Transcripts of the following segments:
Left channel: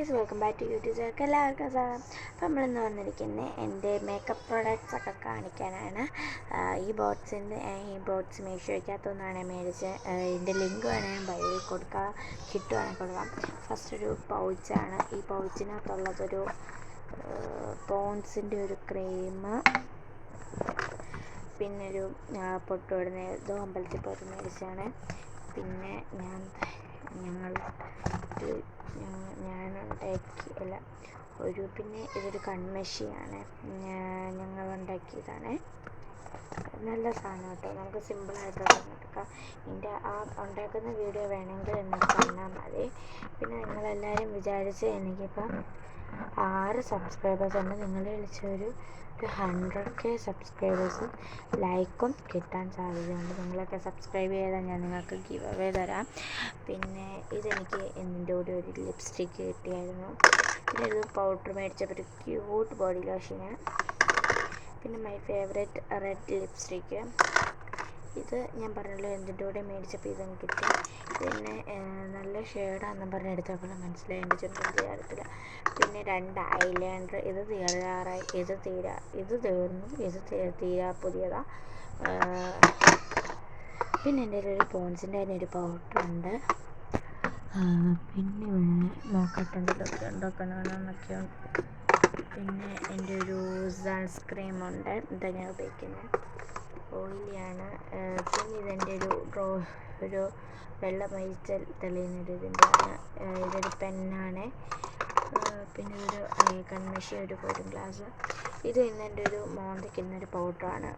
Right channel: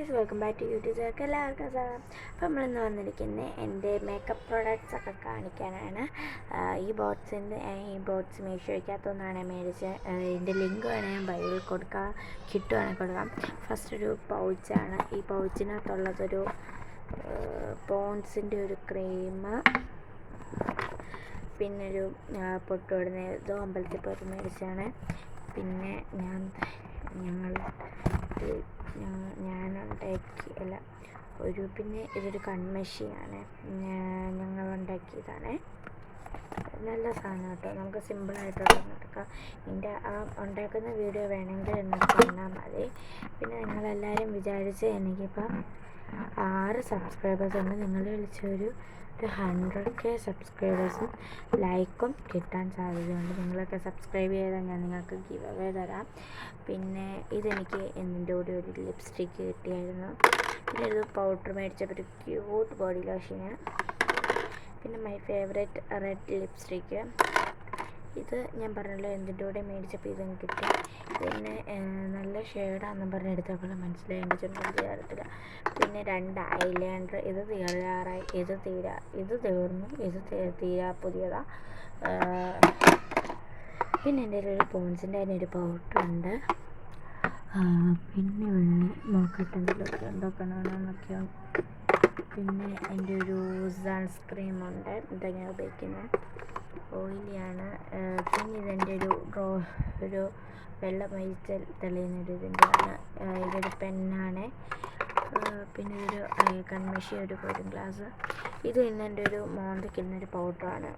Guys, welcome back to YouTube channel. എല്ലാവർക്കും സാധനം. അപ്പോൾ നമ്മളിന്ന് വന്നിരിക്കുന്നത് എൻ്റെ മേക്കപ്പ് പ്രോഡക്റ്റ്സ് ഒക്കെ കാണിക്കാനാണ്. ഈ ബോട്ട്സ് മീഷോയ്ക്കകത്തുനിന്നാണ് മേടിച്ചത്. ഇതിൻ്റെ ലിങ്ക് വേണേൽ ഞാൻ ബൈയിൽ കൊടുക്കാം, കിട്ടുവാണെങ്കിൽ കൊടുക്കാം. ഫസ്റ്റ് ഒരു പൗച്ചാണ്. ഈ പൗച്ചിനകത്തുള്ളതൊരു പോൺസിൻ്റെ ഒരു ക്രീം, പിന്നെ ഒരു പൊട്ടുവിടുന്ന ഇതോ അമ്പലത്തിൽ പോയിട്ട് മേടിച്ചാണ്. പിന്നെ ഞാനുണ്ടാക്കിയല്ല പിന്നെ ഇതൊരു കൺമഷിയാണ്, ഞങ്ങളുണ്ടാക്കിയതാണ്. നല്ല സാധനം കേട്ടോ, നമുക്ക് സിമ്പിളായിട്ടുള്ള എടുക്കാം. ഇതിൻ്റെ ആ ഉണ്ടാക്കുന്ന വീഡിയോ വേണമെങ്കിൽ എന്നോട് പറഞ്ഞാൽ മതി. പിന്നെ നിങ്ങളെല്ലാവരും വിചാരിച്ച് എനിക്കിപ്പം 6 സബ്സ്ക്രൈബേഴ്സ് ഉണ്ട്. നിങ്ങൾ വിളിച്ചൊരു 100K സബ്സ്ക്രൈബേഴ്സും ലൈക്കും കിട്ടാൻ സാധ്യതയുണ്ട്. നിങ്ങളൊക്കെ സബ്സ്ക്രൈബ് ചെയ്താൽ ഞാൻ നിങ്ങൾക്ക് ഗിവ് അവേ തരാം. പിന്നെ ഇതെനിക്ക് എൻ്റെ കൂടെ ഒരു ലിപ്സ്റ്റിക്ക് കിട്ടിയായിരുന്നു. പിന്നെ ഇത് പൗഡർ മേടിച്ചപ്പോൾ ഒരു ക്യൂട്ട് ബോഡി ലോഷന്. പിന്നെ മൈ ഫേവറേറ്റ് റെഡ് ലിപ്സ്റ്റിക്ക്. ഇത് ഞാൻ പറഞ്ഞല്ലോ എന്തിൻ്റെ കൂടെ മേടിച്ചപ്പോൾ ഇതും കിട്ടി. പിന്നെ നല്ല ഷെയ്ഡാണെന്നും പറഞ്ഞ് എടുത്തപ്പോൾ മനസ്സിലായി എൻ്റെ ചുണ്ടും തീരത്തില്ല. പിന്നെ 2 ഐലൈനർ. ഇത് തീരാറായി, ഇത് തീർന്നു, ഇത് തീരാ പുതിയതാണ്. പിന്നെ എൻ്റെ ഒരു പോൺസിൻ്റെ അതിനൊരു പൗഡറുണ്ട്. പിന്നെ നോക്കട്ടെന്തെങ്കിലുമൊക്കെ ഉണ്ടാക്കണമെന്നൊക്കെയുണ്ട്. പിന്നെ എൻ്റെ ഒരു സൺസ്ക്രീമുണ്ട്. ഇതാണ് ഞാൻ ഉപയോഗിക്കുന്നത്, ഓയിലിയാണ്. പിന്നെ ഇതെൻ്റെ ഒരു വെള്ളം ഒഴിച്ച് തെളിയുന്നൊരു ഇതിൻ്റെയാണ്. ഇതൊരു പെന്നാണ്. പിന്നെ ഇതൊരു കൺമഷി, ഒരു കൂളിംഗ് ഗ്ലാസ്. ഇത് ഇന്നെൻ്റെ ഒരു മോന്തയ്ക്കുന്നൊരു പൗഡറാണ്.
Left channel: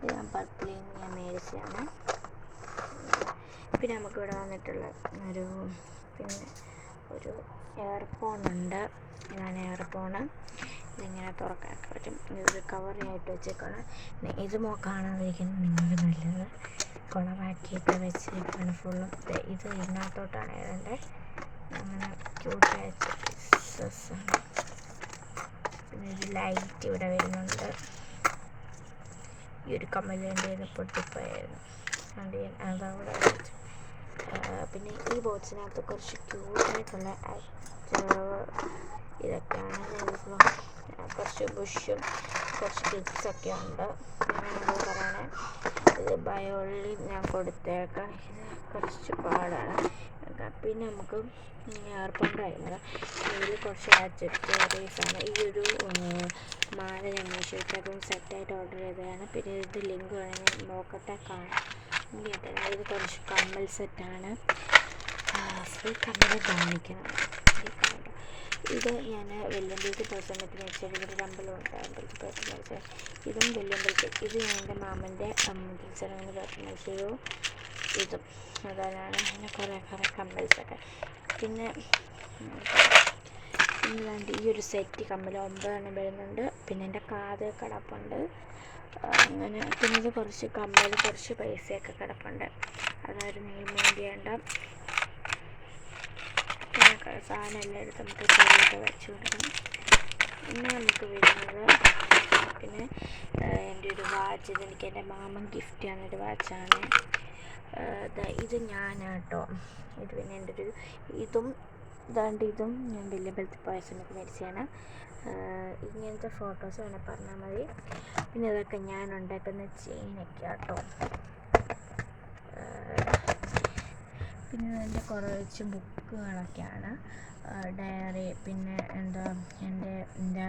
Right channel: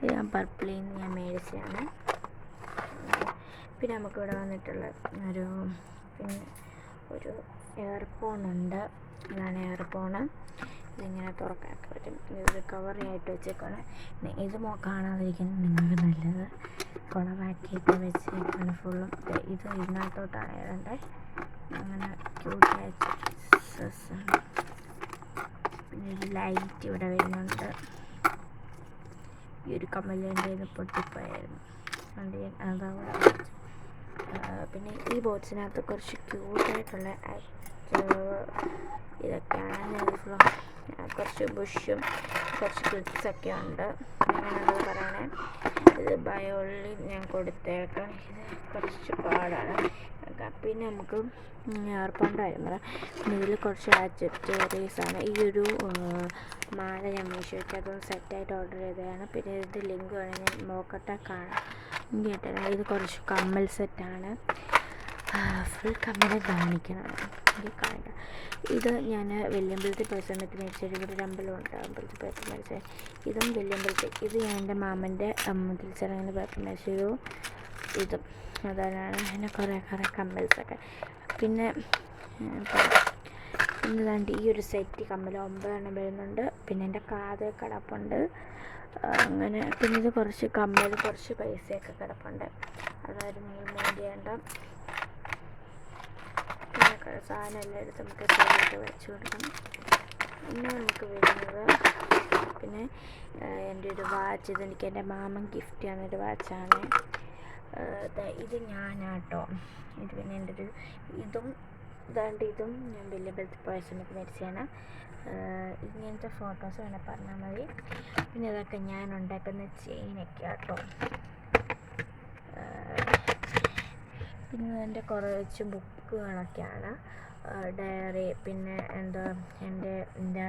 ഇത് ഞാൻ പർപ്പിളിൽ നിന്ന് ഞാൻ മേടിച്ചതാണ്. പിന്നെ നമുക്കിവിടെ വന്നിട്ടുള്ള ഒരു ഇയർഫോണുണ്ട്. ഇതാണ് ഇയർഫോണ്. ഇതിങ്ങനെ തുറക്കാനൊക്കെ പറ്റും. ഇതൊരു കവറായിട്ട് വെച്ചേക്കാണ്. ഇത് കാണാതിരിക്കുന്നത് നിങ്ങൾക്ക് നല്ലത്. കുളമാക്കിയിട്ട് വെച്ചേക്കാണ് ഫുള്ളും. ഇത് ഇതിനകത്തോട്ടാണ് ഇടേണ്ടത്. അങ്ങനെ ക്യൂട്ടായ പീസസാണ്. പിന്നെ ഒരു ലൈറ്റ് ഇവിടെ വരുന്നുണ്ട്. ഈ ഒരു കമ്മലിൻ്റെ പൊട്ടിപ്പോയായിരുന്നു, അതുകൊണ്ട് ഞാൻ അതവിടെ വെച്ചു. പിന്നെ ഈ ബോക്സിനകത്ത് കുറച്ച് ക്യൂട്ടായിട്ടുള്ള ഇതൊക്കെയാണ്. കുറച്ച് ബുഷും കുറച്ച് ക്ലിപ്സൊക്കെ ഉണ്ട്. ഞാനത് പറയണേ. ഇത് ബയോളിൽ ഞാൻ കൊടുത്തേക്കാം. ഇത് കുറച്ച് പാടാണ്. പിന്നെ നമുക്ക് ഏർപ്പുണ്ടായിരുന്നു. ഇതിൽ കുറച്ച് ആക്സസറീസാണ്. ഈ ഒരു മാല ഞാൻ മീഷോയ്ക്കകത്ത് സെറ്റായിട്ട് ഓർഡർ ചെയ്തതാണ്. പിന്നെ ഇത് ലിങ്ക് വേണമെങ്കിൽ ഞാൻ നോക്കട്ടെ, കാണാം. ഇത് കുറച്ച് കമ്മൽ സെറ്റാണ്. ഫുൾ കമ്മൽ കാണിക്കണം. ഇത് ഞാൻ വെല്ലുമ്പലത്തിൽ പോയ സമയത്ത് മേടിച്ചത്. ഇവിടെ അമ്പലമുണ്ട്, അമ്പലത്തിൽ പോയിട്ട് മേടിച്ചത്. ഇതും വെല്ലുമ്പലത്തിൽ. ഇത് ഞാൻ എൻ്റെ മാമൻ്റെ തിരിച്ചറിഞ്ഞ പോയിട്ട് മേടിച്ചത്. ഇതും അതാണ്. അങ്ങനെ കുറേ കമ്മൽസൊക്കെ. പിന്നെ ഈ ഒരു സെറ്റ് കമ്മൽ 9 എണ്ണം വരുന്നുണ്ട്. പിന്നെ എൻ്റെ കാത് കിടപ്പുണ്ട്. അങ്ങനെ പിന്നെ ഇത് കുറച്ച് കമ്മൽ, കുറച്ച് പൈസയൊക്കെ കിടപ്പുണ്ട്. അതായത് നിങ്ങൾ മെയിൻ ചെയ്യേണ്ട. പിന്നെ സാധനം എല്ലാം എടുത്ത് നമുക്ക് ചെറിയൊക്കെ വെച്ച് കൊടുക്കണം. പിന്നെ നമുക്ക് വരുന്നത് പിന്നെ എൻ്റെ ഒരു വാച്ച്. ഇതെനിക്ക് എൻ്റെ മാമൻ ഗിഫ്റ്റ് ചെയ്യുന്നൊരു വാച്ചാണ്. ഇത് ഞാനാട്ടോ. ഇത് പിന്നെ എൻ്റെ ഒരു ഇതും ഞാൻ വെല്ലുമ്പലത്തിൽ പോയ സമയത്ത് മേടിച്ചതാണ്. ഇങ്ങനത്തെ ഫോട്ടോസ് വേണേൽ പറഞ്ഞാൽ മതി. പിന്നെ ഇതൊക്കെ ഞാൻ ഉണ്ടാക്കുന്ന ചെയിനൊക്കെ ആട്ടോ. പിന്നെ എൻ്റെ കുറച്ച് ബുക്കുകളൊക്കെയാണ്, ഡയറി. പിന്നെ എൻ്റെ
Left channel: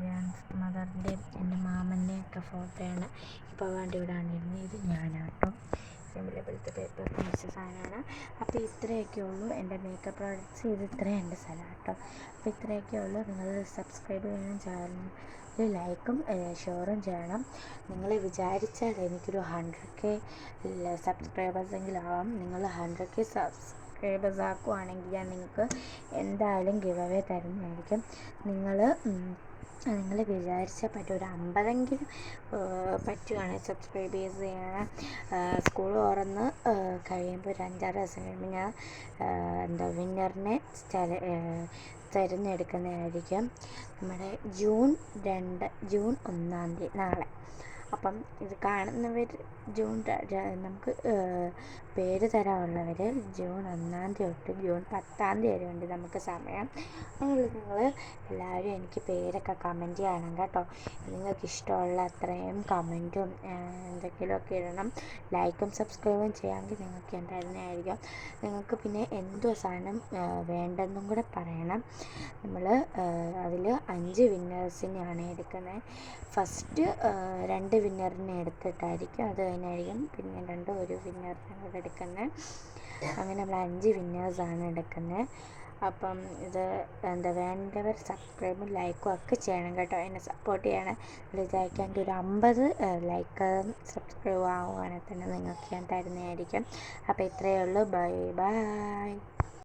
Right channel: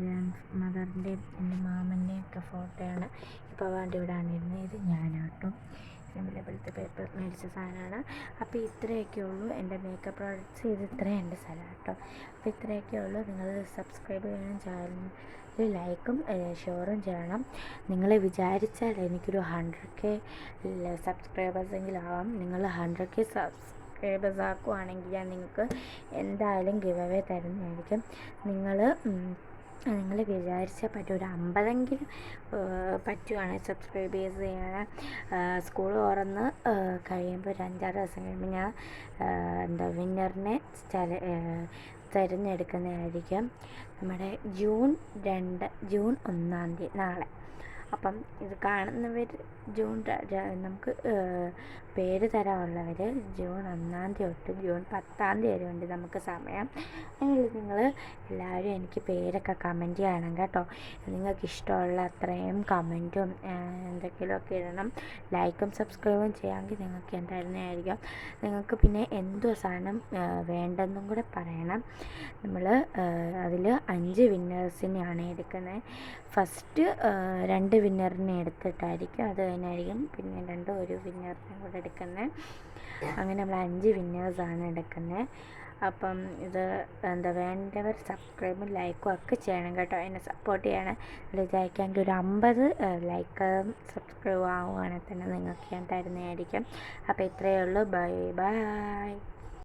ഗ്രാൻഡ് മദറിൻ്റെയും എൻ്റെ മാമൻ്റെയൊക്കെ ഫോട്ടോയാണ് ഇപ്പോൾ വേണ്ടി ഇവിടാണിരുന്നത്. ഇത് ഞാനാട്ടോ. വെല്ലുമ്പലത്തെ പേപ്പർ മേടിച്ച സാധനമാണ്. അപ്പോൾ ഇത്രയൊക്കെ ഉള്ളൂ എൻ്റെ മേക്കപ്പ് പ്രോഡക്റ്റ്സ്. ഇത് ഇത്രയും എൻ്റെ സ്ഥലം കേട്ടോ. അപ്പോൾ ഇത്രയൊക്കെ ഉള്ളൂ. നിങ്ങൾ സബ്സ്ക്രൈബ് ചെയ്യണം, ചാനൽ ലൈക്കും ഷെയറും ചെയ്യണം. നിങ്ങൾ വിചാരിച്ചാൽ എനിക്കൊരു 100K സബ്സ്ക്രൈബേഴ്സെങ്കിലും ആവാം. നിങ്ങൾ 100K സബ്സ്ക്രൈബേഴ്സ് ആക്കുവാണെങ്കിൽ ഞാൻ നിങ്ങൾക്ക് എന്തായാലും ഗിവ് അവേ തരുന്നതായിരിക്കും. നിങ്ങൾ വിചാരിച്ചാൽ പറ്റും. ഒരു 50എങ്കിലും പറ്റുവാണെങ്കിൽ സബ്സ്ക്രൈബ് ചെയ്യാൻ. സ്കൂൾ തുറന്ന് കഴിയുമ്പോൾ ഒരു 5-6 ദിവസം കഴിയുമ്പോൾ ഞാൻ വിന്നറിനെ തിരഞ്ഞെടുക്കുന്നതായിരിക്കും. നമ്മുടെ ജൂൺ 1-ാം തീയതി, നാളെ. അപ്പം ഇത് കാണുന്നവർ നമുക്ക് പേര് തരാനുള്ളവർ ജൂൺ 1 തൊട്ട് ജൂൺ 10 വരെ ഉണ്ട് നമുക്ക് സമയം. അതിനുള്ളിൽ നിങ്ങൾ എല്ലാവരും എനിക്ക് പേരൊക്കെ കമൻറ്റ് ചെയ്യണം കേട്ടോ. നിങ്ങൾക്ക് ഇഷ്ടമുള്ള അത്രയും കമൻറ്റും എന്തെങ്കിലുമൊക്കെ ഇടണം. ലൈക്കും സബ്സ്ക്രൈബും ചെയ്യാമെങ്കിൽ നിങ്ങൾക്ക് എന്തായിരുന്നായിരിക്കും. നിങ്ങൾക്ക് പിന്നെ എന്തോ സാധനം വേണ്ടെന്നും കൂടെ പറയണം. നമ്മൾ അതിൽ 5 വിന്നേഴ്സിനെയാണ് എടുക്കുന്നത്. ഫസ്റ്റ് 2 വിന്നറിനെ എടുത്തിട്ടായിരിക്കും, അത് കഴിഞ്ഞായിരിക്കും പിന്നെ 1 വിന്നറിനെ കൂടെ എടുക്കുന്നത്. അങ്ങനെ നമ്മൾ 5 വിന്നേഴ്സാണ് എടുക്കുന്നത്. അപ്പം ഇത് വേണ്ടവർ സബ്സ്ക്രൈബും ലൈക്കും ഒക്കെ ചെയ്യണം കേട്ടോ. എന്നെ സപ്പോർട്ട് ചെയ്യണം. വിചാരിക്കാമെങ്കിൽ ഒരു 50 ലൈക്ക് സബ്സ്ക്രൈബ് ആവുകയാണെങ്കിൽ തന്നെ നിങ്ങൾക്ക് ഞാൻ തരുന്നതായിരിക്കും. അപ്പോൾ ഇത്രയേ ഉള്ളൂ. Bye bye.